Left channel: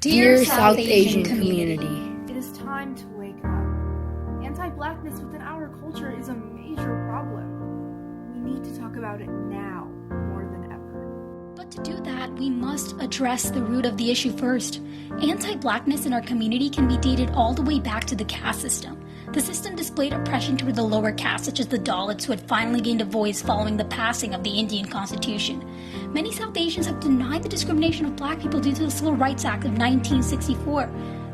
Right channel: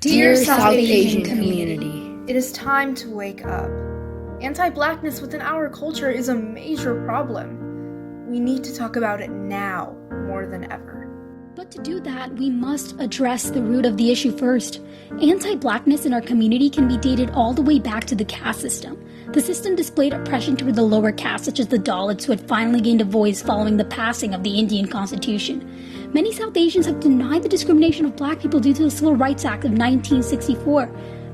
Dear South Asian community, it is time to wake up. Anti-blackness within our culture is a major problem. We need to talk about it now more than ever. But to do that, we must address the root of the issue first. Anti-blackness in our community can be dated all the way back to the caste system. The system displayed oppression toward the lower castes, such as the Dalits, who had finally gained a voice following the passing of the Indian Constitution. Many South Asians have denied the discrimination of black people due to the Civil Rights Act of 1964.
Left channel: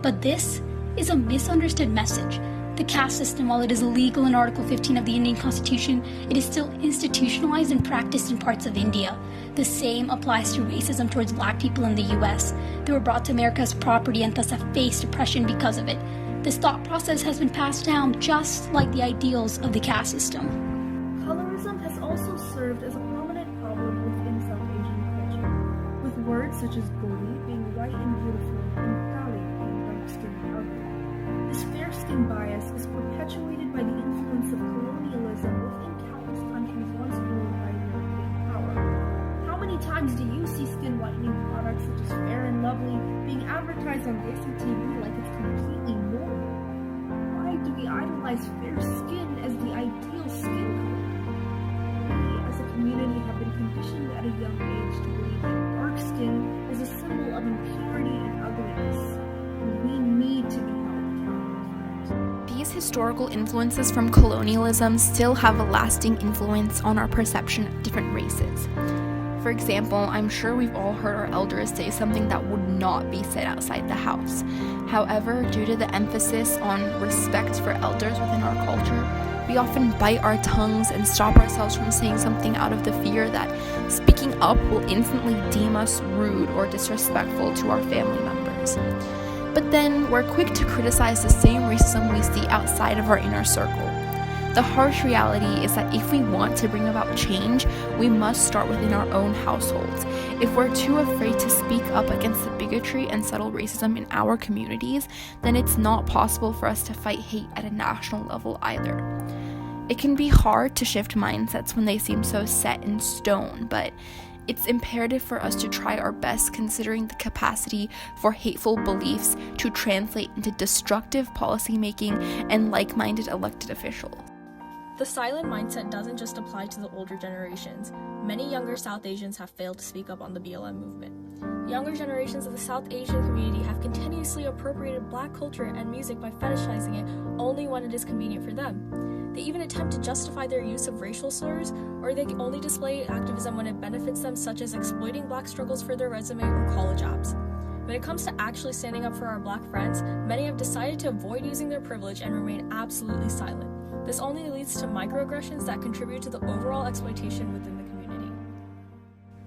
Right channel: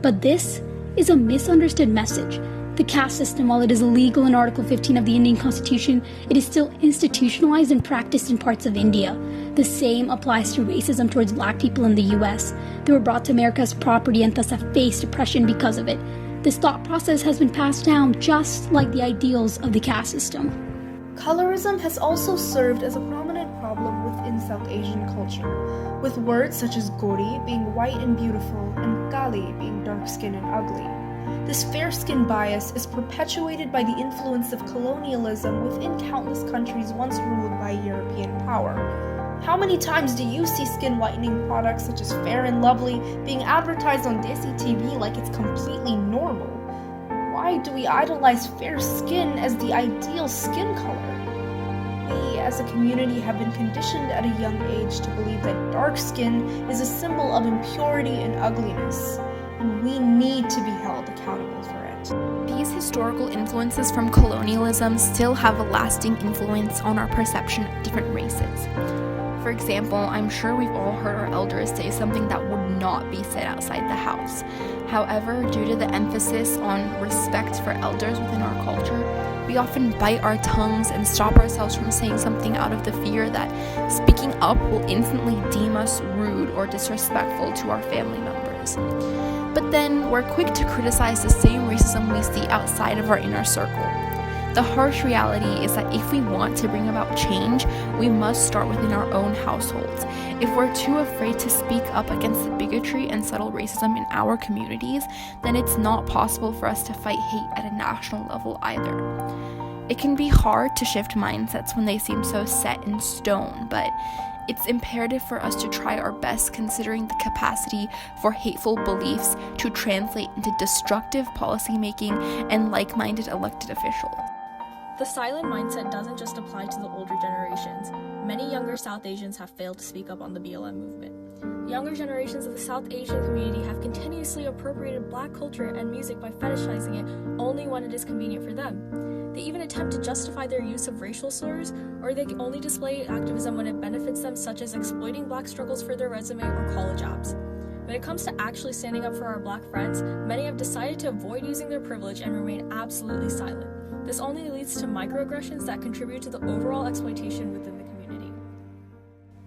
But this is a misunderstood message. The caste system, while it is illegal in Article 15 of the Indian Constitution, it is still institutionalized and practiced in parts of India. The same applies to racism towards black people in the US. They were brought to America as property and thus have faced oppression because of it. This thought process has been passed down just like the ideals of the caste system. Colorism has also served as a prominent problem within South Asian culture, with words such as Gori being white and beautiful and Kali being dark-skinned and ugly. This fair-skin bias is perpetuated by the influence of colonialism within countless countries once ruled by European power. How many times do you see skin whitening products such as Fair and Lovely being advertised on Desi TV like it's completely normal? Why do we idolize fair skin as the ideal skin color? We, as a community, have been conditioned at a young age to believe that dark skin is a symbol of impurity and ugliness, and we need to be held accountable for it. These historical influences from colonialism still have a lasting influence on our perception of different races. For example, I'm sure we've all heard our elders say something that would not be said outside the house. However, due to the emphasis on respect for elders within our culture, we often bite our tongues and stop ourselves from saying something out of the fear that speaking up will instantly deem us rude or disrespectful to our family members. But then we're quick to criticize the same racism we see outside of our inner circle. The harsh reality is that if we want to bring about change, we must start within our own households. If we're too afraid to speak up against the bigotry and subtle racism in our communities, then it's not possible for us to fight hate at a national level either. It can be hard to shift mindsets when they seem so set in stone, but it's imperative for us to try our best considering the capacity for hateful beliefs to translate into destructive policymaking and like-minded elected officials. The silent mindset doesn't just apply to the older generations. Many younger South Asians have failed to speak up on the BLM movement. Younger generations of the South Asian community have continuously appropriated black culture and music by fetishizing it only when it is convenient for them. They even attempt to justify their use of racial slurs, or they only display activism when it benefits them, such as exploiting black struggles for their resume or college apps. When it comes to actually standing up for our black friends, many have decided to avoid using their privilege and remain absolutely silent. This only leads to microaggressions that contribute to the overall exploitation within the community.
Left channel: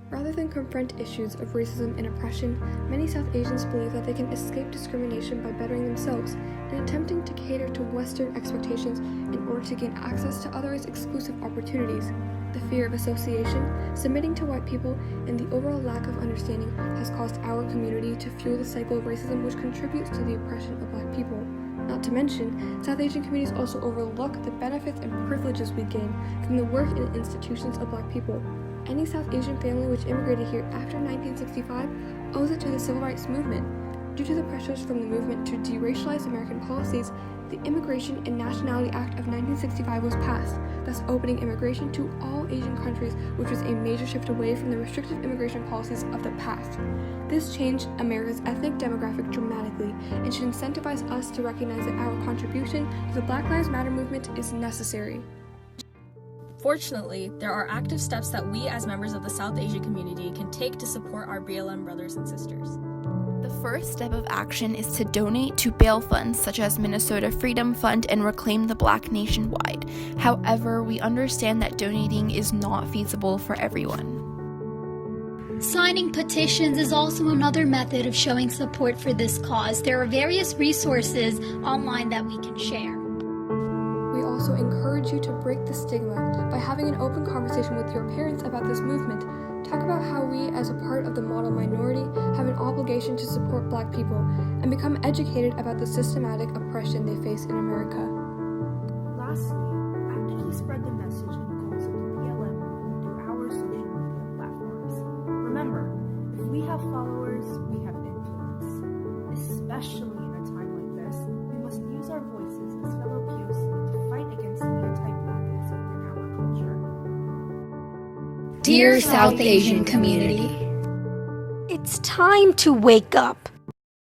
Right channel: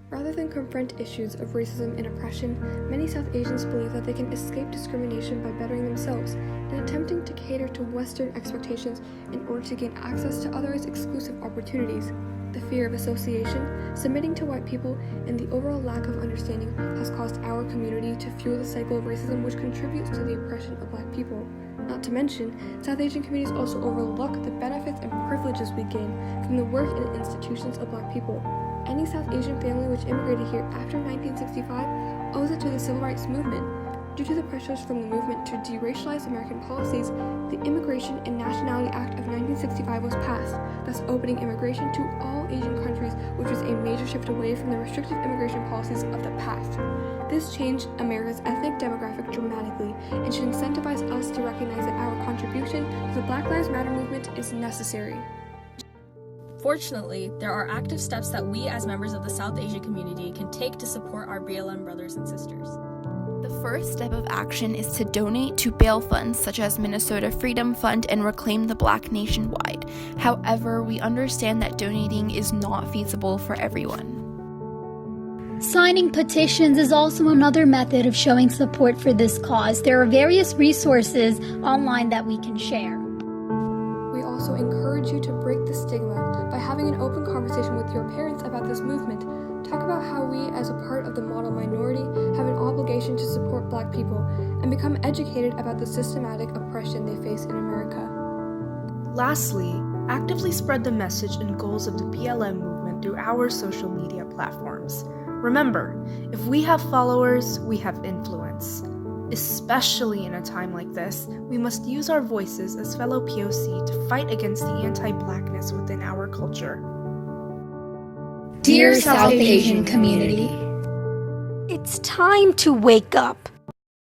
Rather than confront issues of racism and oppression, many South Asians believe that they can escape discrimination by bettering themselves and attempting to cater to Western expectations in order to gain access to others' exclusive opportunities. The fear of association, submitting to white people, and the overall lack of understanding has caused our community to fuel the cycle of racism which contributes to the oppression of black people. Not to mention, South Asian communities also overlook the benefits and privileges we gain from the work and institutions of black people. Any South Asian family which immigrated here after 1965 owes it to the Civil Rights Movement. Due to the pressures from the movement to deracialize American policies, the Immigration and Nationality Act of 1965 was passed, thus opening immigration to all Asian countries, which was a major shift away from the restrictive immigration policies of the past. This changed America's ethnic demographic dramatically and should incentivize us to recognize that our contribution to the Black Lives Matter movement is necessary. Fortunately, there are active steps that we as members of the South Asian community can take to support our BLM brothers and sisters. The first step of action is to donate to bail funds such as Minnesota Freedom Fund and Reclaim the Black nationwide. However, we understand that donating is not feasible for everyone. Signing petitions is also another method of showing support for this cause. There are various resources online that we can share. We also encourage you to break the stigma by having an open conversation with your parents about this movement. Talk about how we, as a part of the model minority, have an obligation to support black people and become educated about the systematic oppression they face in America. Lastly, actively spread the message and goals of the BLM movement through our social media platforms. Remember, if we have followers, we have influence. Especially in a time like this, we must use our voices as fellow POC to fight against the anti-blackness within our culture. Dear South Asian community, It's time to wake up.